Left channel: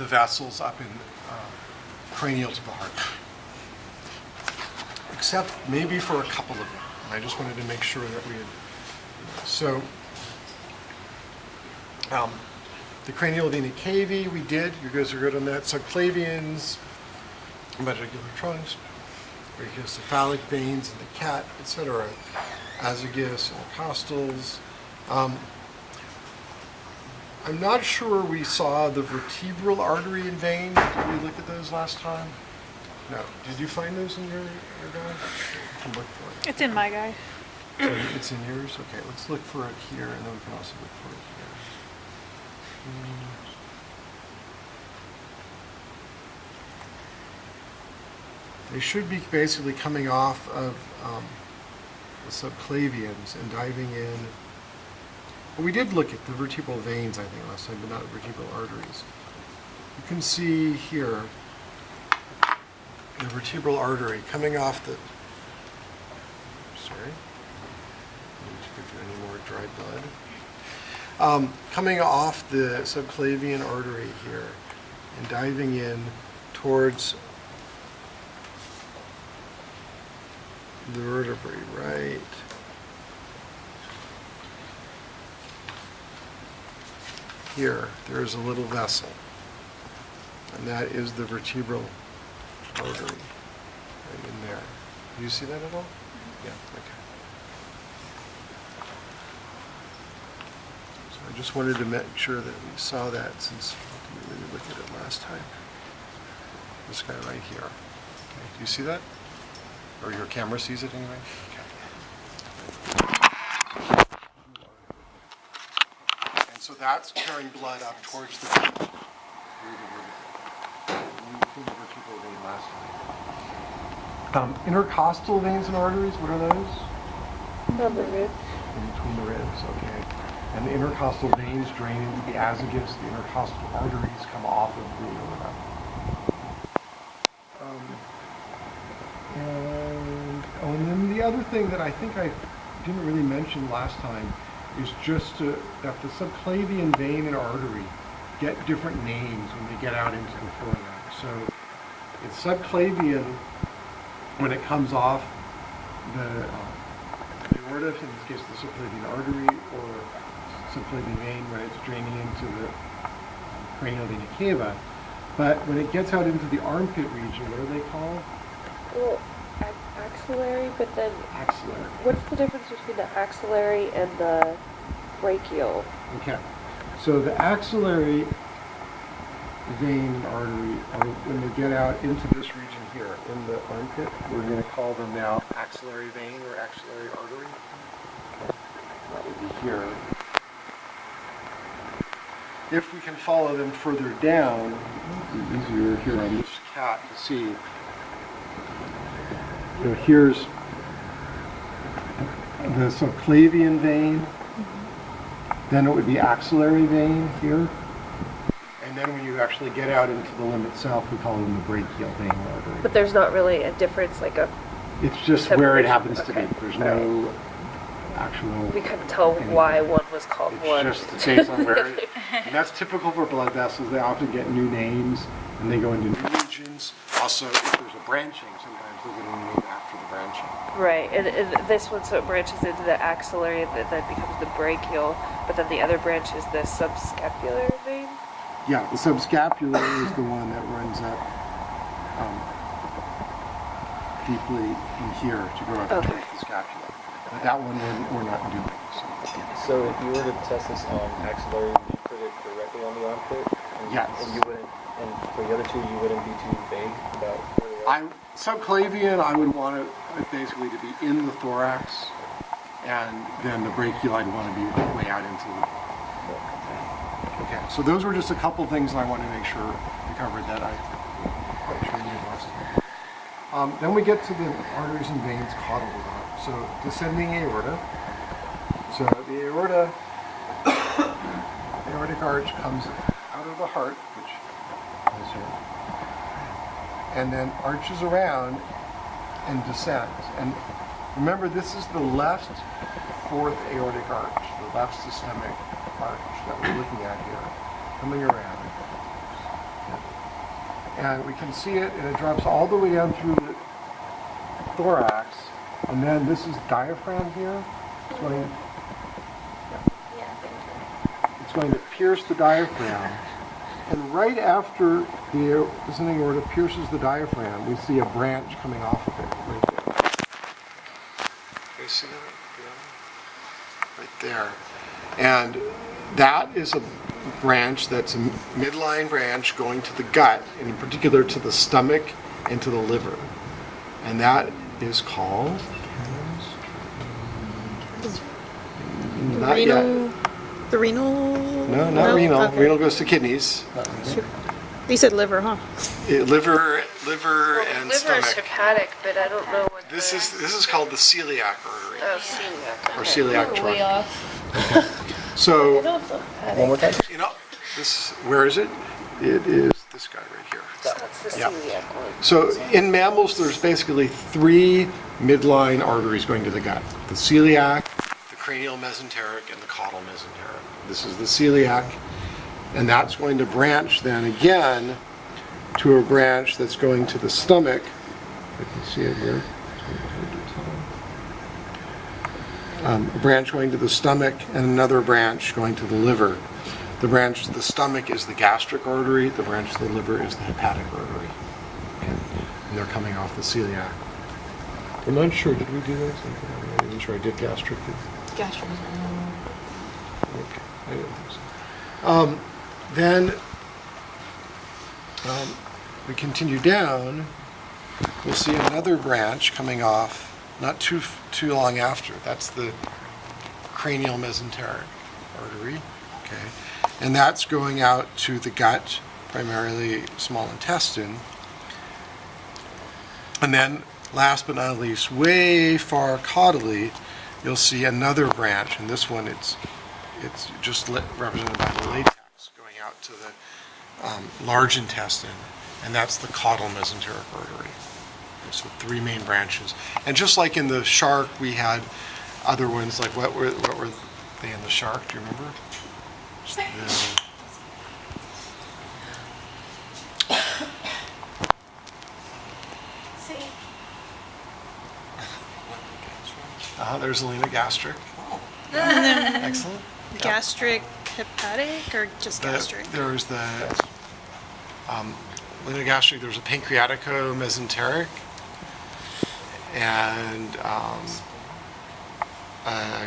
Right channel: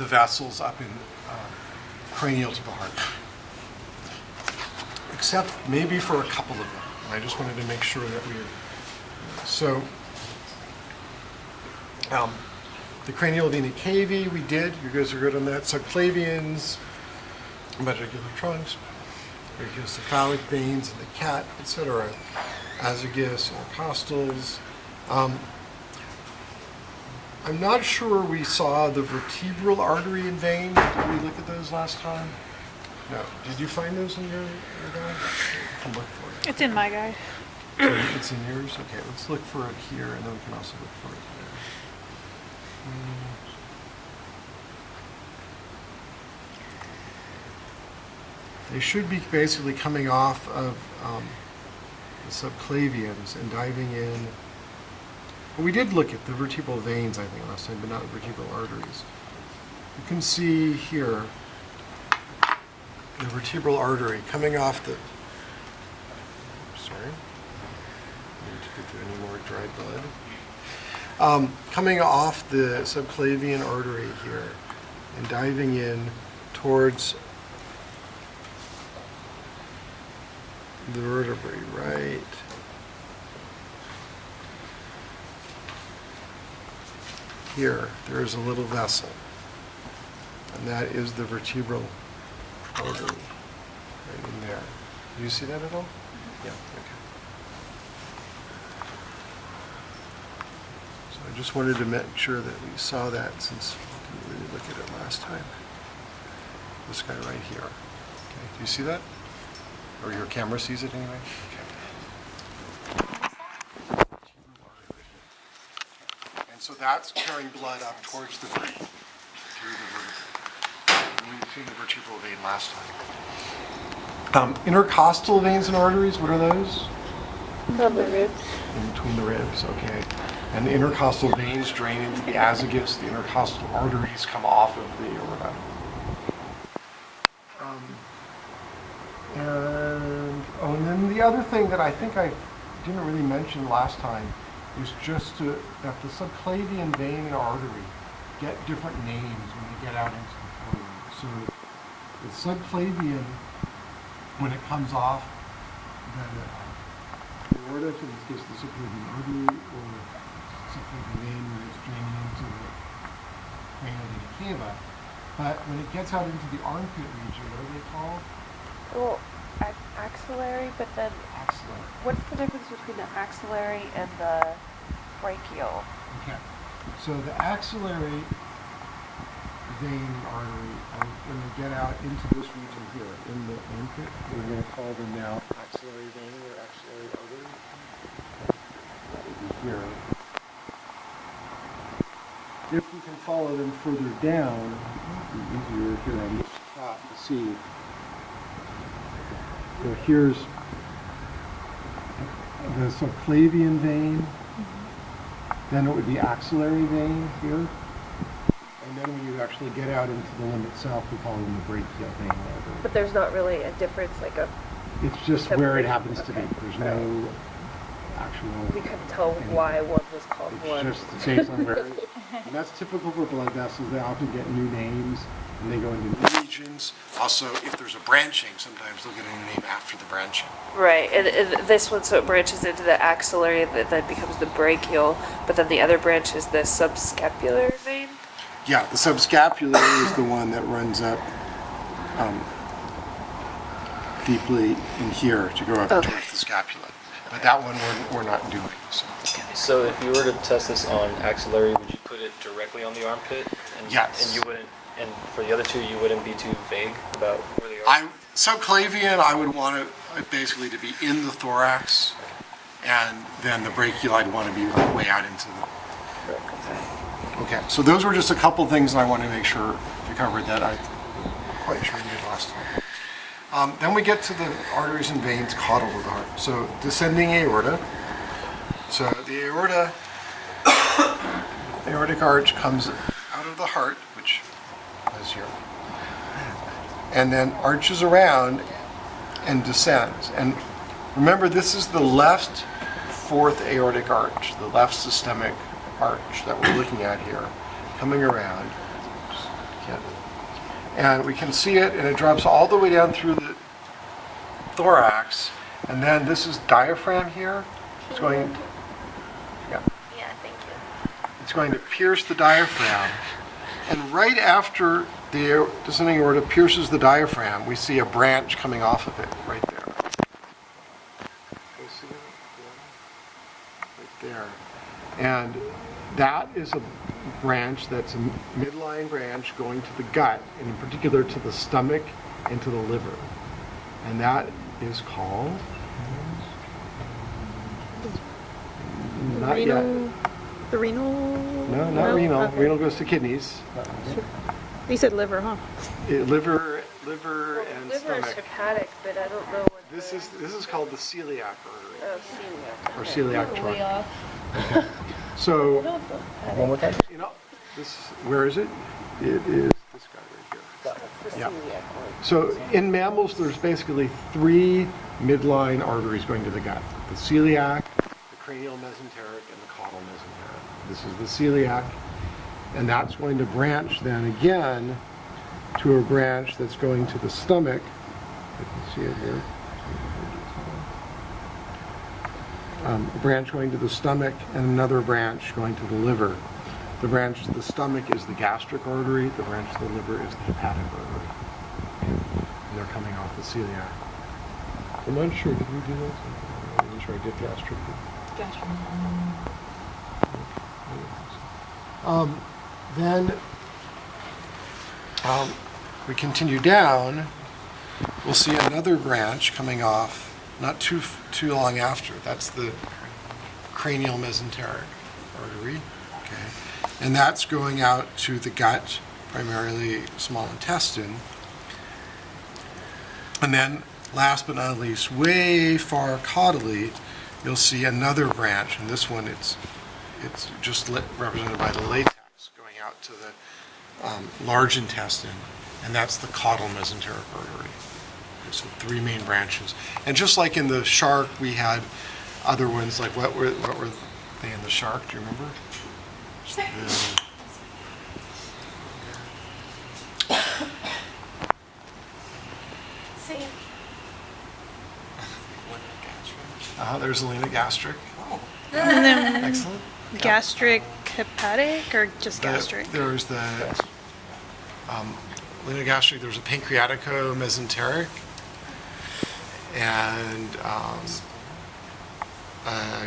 the vessels up in cranial to the heart. Except maybe for a couple of them. And I just wanted to make sure that we had. So, the cranial vena cava we did. You guys are good on that. Subclavians, medullary trunks, brachiocephalic veins in the cat, etc. Azygos, intercostals. I'm not sure we saw the vertebral artery and vein. Did we look at those last time? No. Did you find those in your guide? I can look for it. It's in my guide. So it's in yours? Okay, let's look for it here, and then we can also look for it here. They should be basically coming off of the subclavians and diving in. Well, we did look at the vertebral veins, I think, last time, but not the vertebral arteries. You can see here the vertebral artery coming off the. Sorry, need to go through any more dried blood. Coming off the subclavian artery here and diving in towards the vertebrae, right? Here, there's a little vessel, and that is the vertebral artery right in there. Do you see that at all? Yeah, okay. So I just wanted to make sure that we saw that since we didn't really look at it last time. This guy right here. Okay, do you see that? Or your camera sees it anyway? Okay. And so that's carrying blood up towards the through the vertebra. We've seen the vertebral vein last time. Intercostal veins and arteries, what are those? Above the ribs. In between the ribs, okay. And the intercostal veins drain into the azygos. The intercostal arteries come off of the aorta. And then the other thing that I think I didn't really mention last time is just that the subclavian vein and artery get different names when they get out into the forelimb. So it's subclavian when it comes off the aorta, in this case the subclavian artery, or subclavian vein when it's draining into the cranial vena cava. But when it gets out into the armpit region, what are they called? Well, axillary, but then Axillary. what's the difference between the axillary and the brachial? Okay. So the axillary vein and artery are when they get out into this region here in the armpit. We're going to call them now axillary vein or axillary artery. Okay. That would be here. If we can follow them further down, it's easier here on this cat to see. So here's the subclavian vein. Then it would be axillary vein here. And then when you actually get out into the limb itself, we call them the brachial vein or artery. But there's not really a difference, like a. It's just where it separation. happens to be. Okay. There's no actual. We couldn't tell why one was called It's one. just based on where. And that's typical for blood vessels. They often get new names and they go into new regions. Also, if there's a branching, sometimes they'll get a new name after the branching. Right, and this one, so it branches into the axillary, that then becomes the brachial, but then the other branch is the subscapular vein. Yeah, the subscapular is the one that runs up deeply in here to go up Okay. towards the scapula. But that one we're not doing. So. So if you were to test this on axillary, would you put it directly on the armpit? And, Yes. And you wouldn't, and for the other two, you wouldn't be too vague about where they are? Subclavian, I would want it basically to be in the thorax, and then the brachial, I'd want to be like way out into the. Okay, so those were just a couple things I want to make sure we covered that I'm quite sure you did last time. Then we get to the arteries and veins caudal to the heart. So descending aorta. So the aorta, aortic arch comes out of the heart, which is here, and then arches around and descends. And remember, this is the left fourth aortic arch, the left systemic arch that we're looking at here, coming around. Just can't And we can see it, and it drops all the way down through the thorax. And then this is diaphragm here. It's going, yeah, Yeah, thank you. it's going to pierce the diaphragm. And right after the descending aorta pierces the diaphragm, we see a branch coming off of it, right there. You see that? Right there. And that is a branch that's a midline branch going to the gut, and in particular to the stomach and to the liver. And that is called... Not yet. The renal? No, not renal. Okay. Renal goes to kidneys. You said liver, huh? Liver Well, and liver stomach. is hepatic, but I don't know what This the... is called the celiac artery Oh, celiac. or Okay. celiac Way trunk. off. So, I don't feel hepatic. One more time. you know, this where is it? It is this guy right here. That's the Yeah. celiac one. So in mammals, there's basically 3 midline arteries going to the gut: the celiac, the cranial mesenteric, and the caudal mesenteric. This is the celiac, and that's going to branch then again to a branch that's going to the stomach. You can see it here. A branch going to the stomach and another branch going to the liver. The branch to the stomach is the gastric artery. The branch to the liver is the hepatic artery. Okay. And they're coming off the celiac. I'm not sure. Did we do this? I'm not sure I did gastric. Gastro. Okay. I didn't think so. Then we continue down. We'll see another branch coming off not too long after. That's the cranial mesenteric artery. Okay. And that's going out to the gut, primarily small intestine. And then, last but not least, way far caudally, you'll see another branch. And this one, it's just represented by the latex going out to the large intestine. And that's the caudal mesenteric artery. Okay, so 3 main branches. And just like in the shark, we had other ones, like what were they in the shark? Do you remember? There's Alina gastric. And then Excellent. gastric hepatic or just gastric? There's the Alina gastric. There's a pancreatico-mesenteric and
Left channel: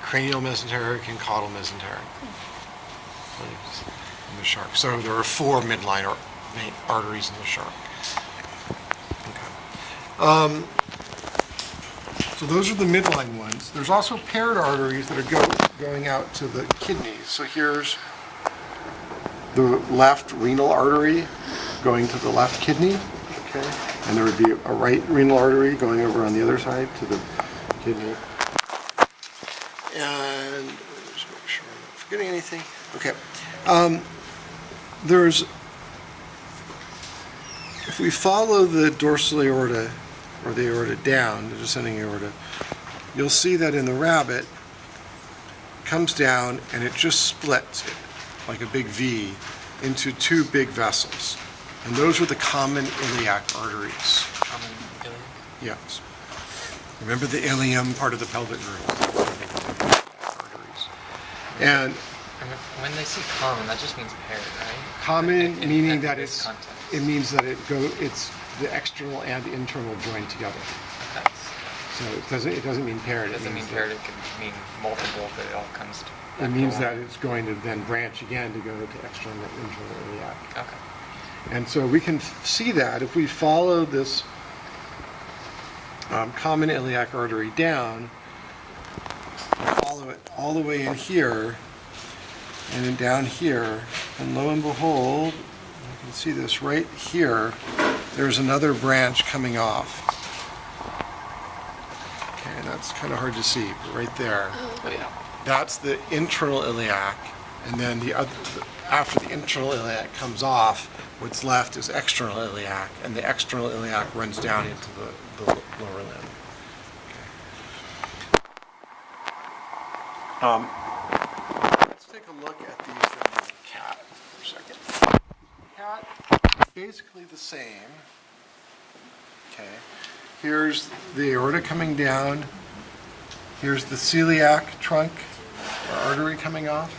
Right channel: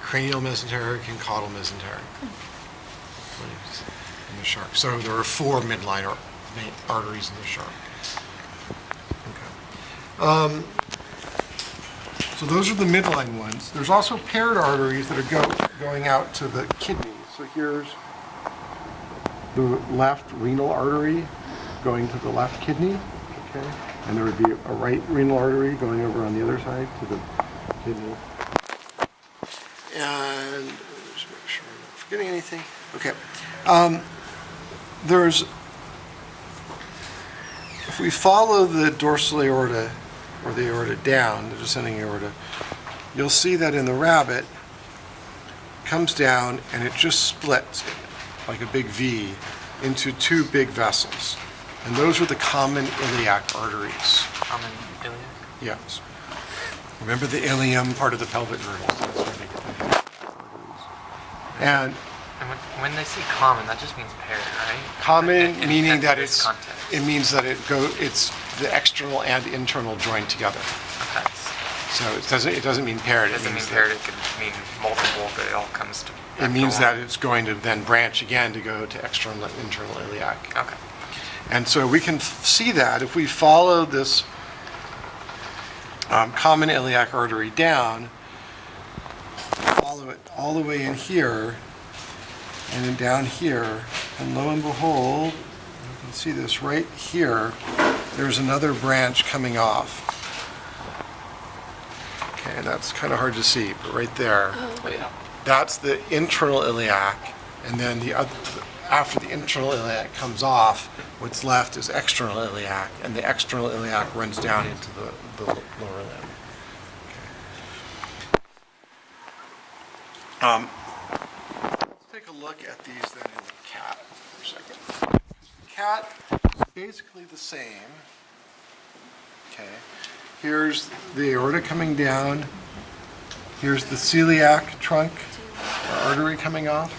cranial mesenteric and caudal mesenteric. In the shark. So there are 4 midline arteries in the shark. Okay. So those are the midline ones. There's also paired arteries that are going out to the kidneys. So here's the left renal artery going to the left kidney. Okay. And there would be a right renal artery going over on the other side to the kidney. And just make sure I'm not forgetting anything. Okay. If we follow the dorsal aorta or the aorta down, the descending aorta, you'll see that in the rabbit, it comes down and it just splits like a big V into 2 big vessels. And those are the common iliac arteries. Common iliac? Yes. Remember the ilium, part of the pelvic girdle. So that's where they get the iliac arteries. And And when they say common, that just means paired, right? common In- meaning in that this it's context. it means that it's the external and internal joined together. Okay. So it doesn't mean paired. It It doesn't mean means paired, that it could mean multiple, but it all comes to. it means after that it's going to then branch again to go to external and internal iliac. one. Okay. And so we can see that if we follow this common iliac artery down, follow it all the way in here, and then down here, and lo and behold, you can see this right here, there's another branch coming off. Okay, that's kind of hard to see, but right there. Oh, yeah. That's the internal iliac, and then after the internal iliac comes off, what's left is external iliac, and the external iliac runs down into the lower limb. Okay. Let's take a look at these then in the cat for a second. Cat basically the same. Okay. Here's the aorta coming down. Here's the celiac trunk or artery coming off.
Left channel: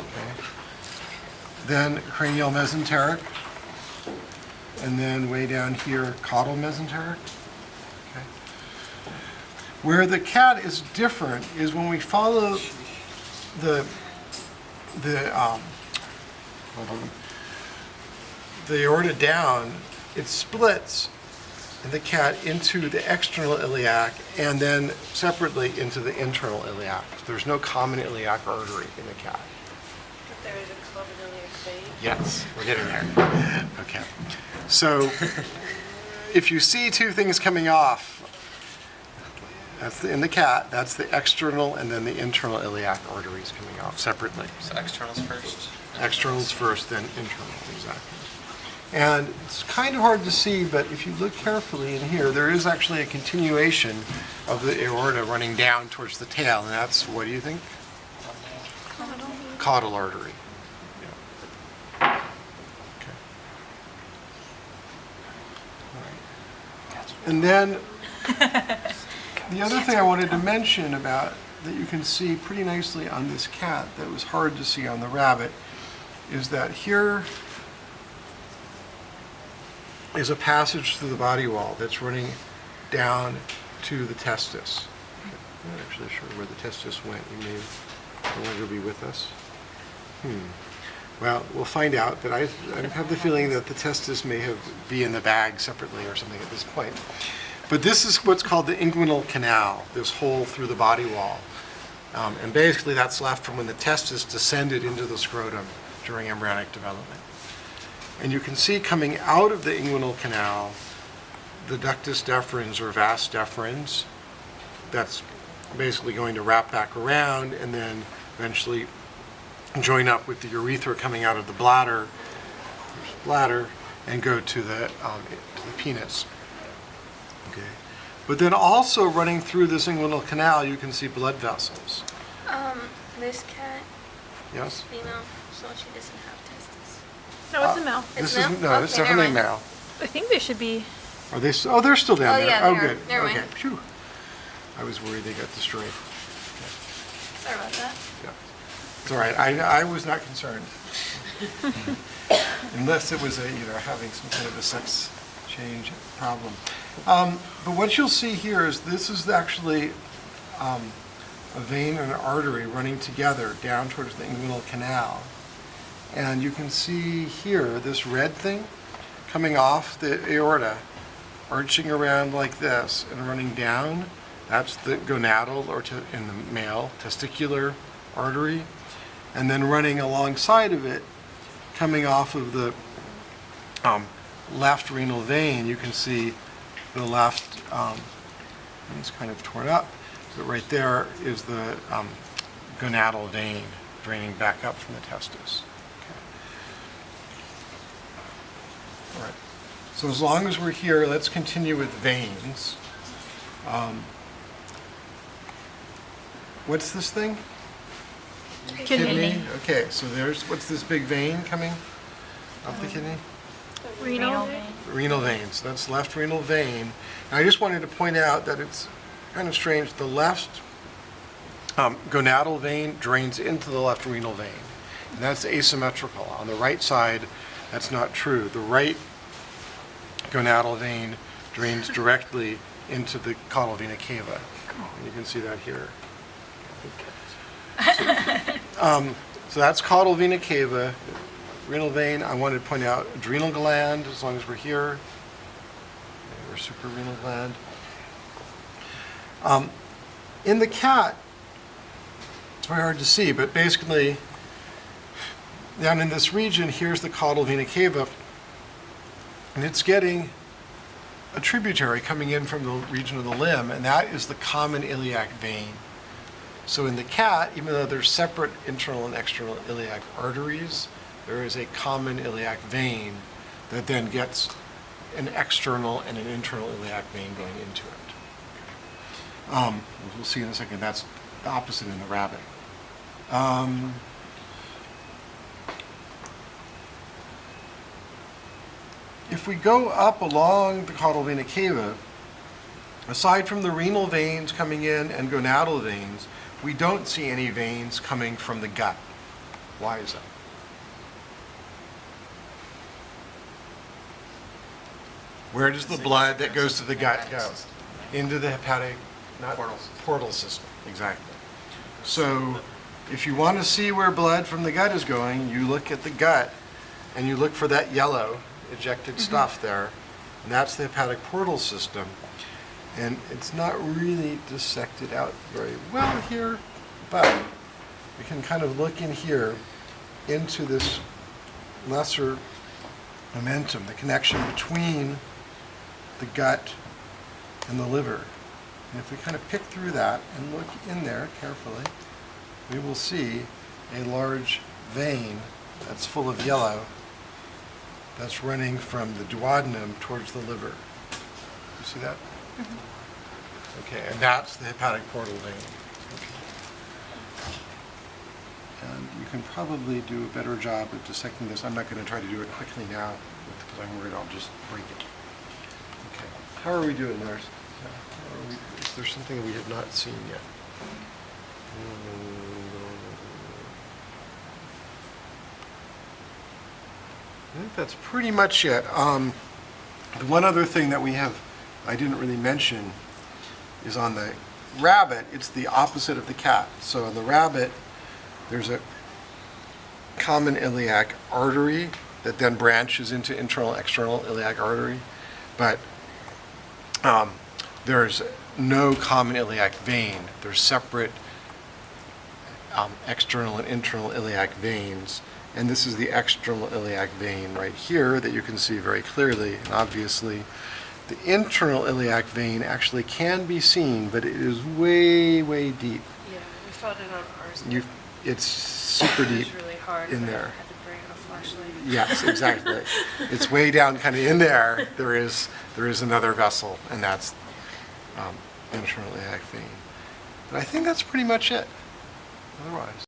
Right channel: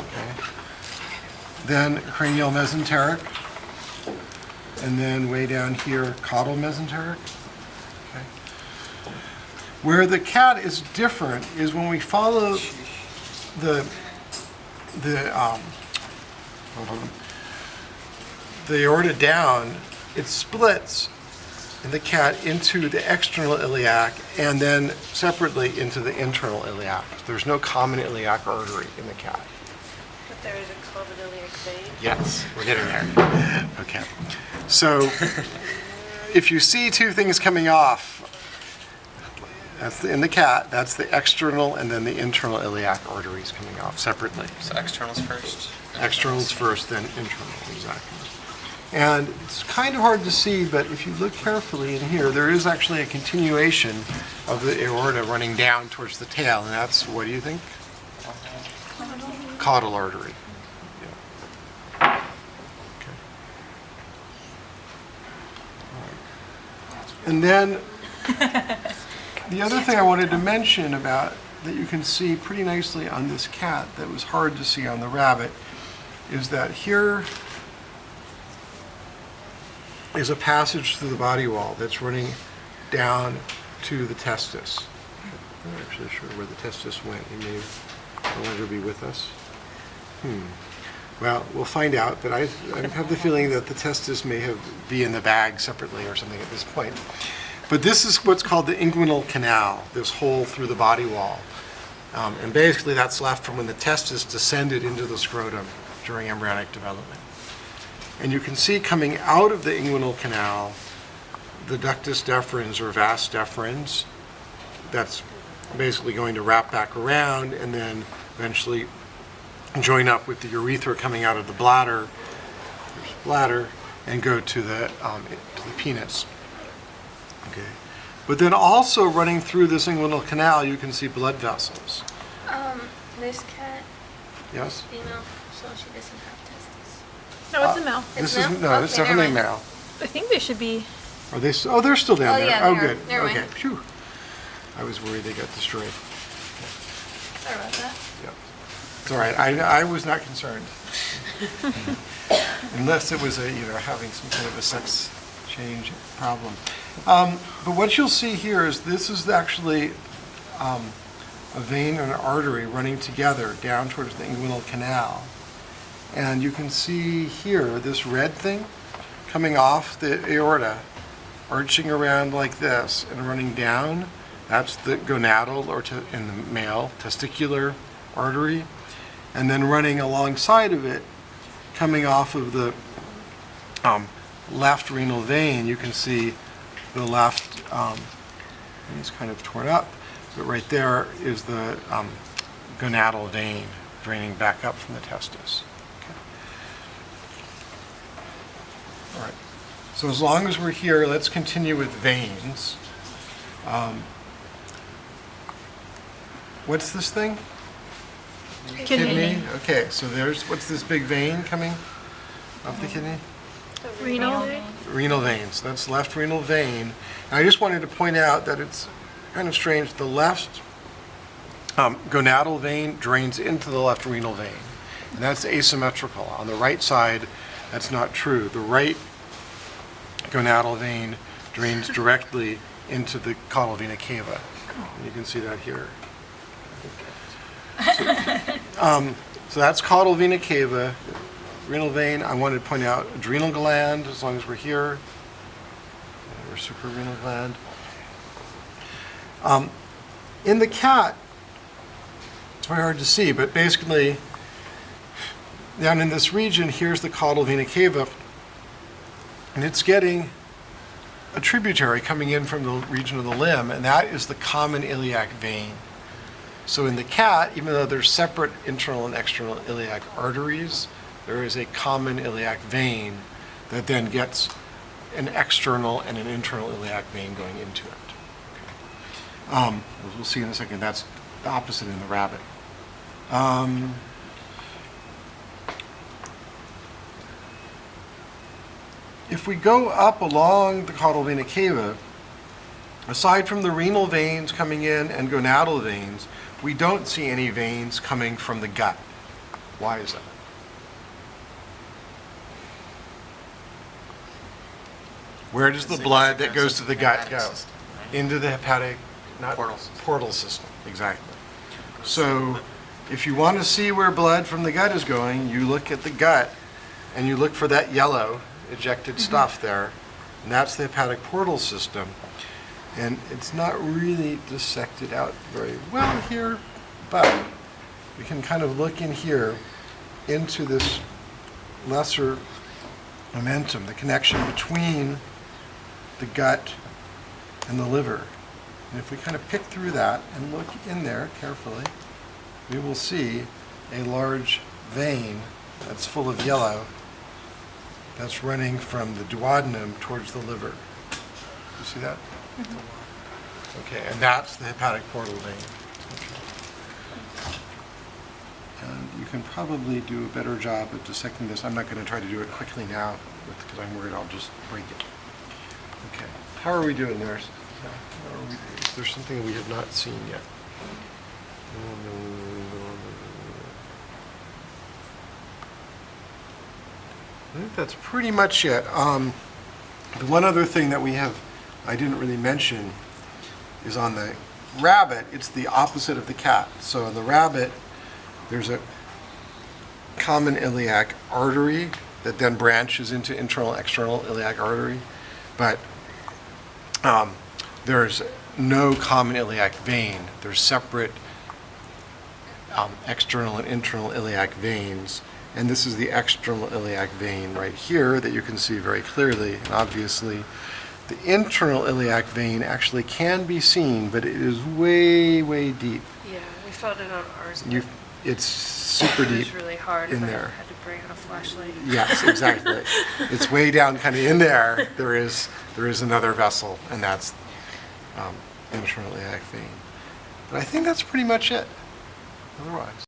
Okay. Then cranial mesenteric. And then way down here, caudal mesenteric. Okay. Where the cat is different is when we follow the aorta down, it splits in the cat into the external iliac and then separately into the internal iliac. There's no common iliac artery in the cat. But there is a common iliac vein. Yes, we're getting there. Okay. So if you see two things coming off, in the cat, that's the external and then the internal iliac arteries coming off separately. So externals first. Externals first, then internal, exactly. And it's kind of hard to see, but if you look carefully in here, there is actually a continuation of the aorta running down towards the tail, and that's, what do you think? Caudal artery. Yeah. Okay. All right. And then the other thing I wanted to mention about that you can see pretty nicely on this cat that was hard to see on the rabbit is that here is a passage through the body wall that's running down to the testis. I'm not actually sure where the testis went. He may no longer be with us. Well, we'll find out, but I have the feeling that the testis may be in the bag separately or something at this point. But this is what's called the inguinal canal, this hole through the body wall. And basically that's left from when the testis descended into the scrotum during embryonic development. And you can see coming out of the inguinal canal, the ductus deferens or vas deferens, that's basically going to wrap back around and then eventually join up with the urethra coming out of the bladder, and go to the penis. Okay. But then also running through this inguinal canal, you can see blood vessels. This cat Yes? is female, so she doesn't have testes. No, it's a male. This It's is male? it's Okay, definitely never mind. male. I think they should be. Are they? Oh, they're still down Oh, there. yeah, Oh, they are. good. Never Okay. mind. Phew. I was worried they got destroyed. Sorry about that. Yeah. It's all right. I was not concerned. Unless it was having some kind of a sex change problem. But what you'll see here is this is actually a vein and an artery running together down towards the inguinal canal. And you can see here this red thing coming off the aorta, arching around like this and running down. That's the gonadal, or in the male, testicular artery. And then running alongside of it, coming off of the left renal vein, you can see the left, it's kind of torn up, but right there is the gonadal vein draining back up from the testis. Okay. All right. So as long as we're here, let's continue with veins. What's this thing? Kidney. Okay, so what's this big vein coming off the kidney? Renal. Renal veins. That's left renal vein. And I just wanted to point out that it's kind of strange. The left gonadal vein drains into the left renal vein, and that's asymmetrical. On the right side, that's not true. The right gonadal vein drains directly into the caudal vena cava. And you can see that here. So that's caudal vena cava, renal vein. I wanted to point out adrenal gland, as long as we're here, or suprarenal gland. In the cat, it's very hard to see, but basically, down in this region, here's the caudal vena cava, and it's getting a tributary coming in from the region of the limb, and that is the common iliac vein. So in the cat, even though there's separate internal and external iliac arteries, there is a common iliac vein that then gets an external and an internal iliac vein going into it. Okay. We'll see in a second, that's the opposite in the rabbit. if we go up along the caudal vena cava, aside from the renal veins coming in and gonadal veins, we don't see any veins coming from the gut. Why is that? Where does the blood that goes to the gut go? Into the hepatic, not portal system. Exactly. So if you want to see where blood from the gut is going, you look at the gut and you look for that yellow ejected stuff there, and that's the hepatic portal system. And it's not really dissected out very well here, but we can kind of look in here into this lesser momentum, the connection between the gut and the liver. And if we kind of pick through that and look in there carefully, we will see a large vein that's full of yellow that's running from the duodenum towards the liver. You see that? Okay, and that's the hepatic portal vein. Okay. And you can probably do a better job of dissecting this. I'm not going to try to do it quickly now because I'm worried I'll just break it. Okay, how are we doing there? Is there something we have not seen yet? I think that's pretty much it. The one other thing that I didn't really mention is on the rabbit, it's the opposite of the cat. So in the rabbit, there's a common iliac artery that then branches into internal, external iliac artery. But there's no common iliac vein. There's separate external and internal iliac veins. And this is the external iliac vein right here that you can see very clearly and obviously. The internal iliac vein actually can be seen, but it is way, way deep. Yeah, we found it on ours. but It's super It deep. was really hard. in but there. I had to bring out a flashlight. Yes, exactly. It's way down, kind of in there. There is another vessel, and that's internal iliac vein. But I think that's pretty much it. Otherwise.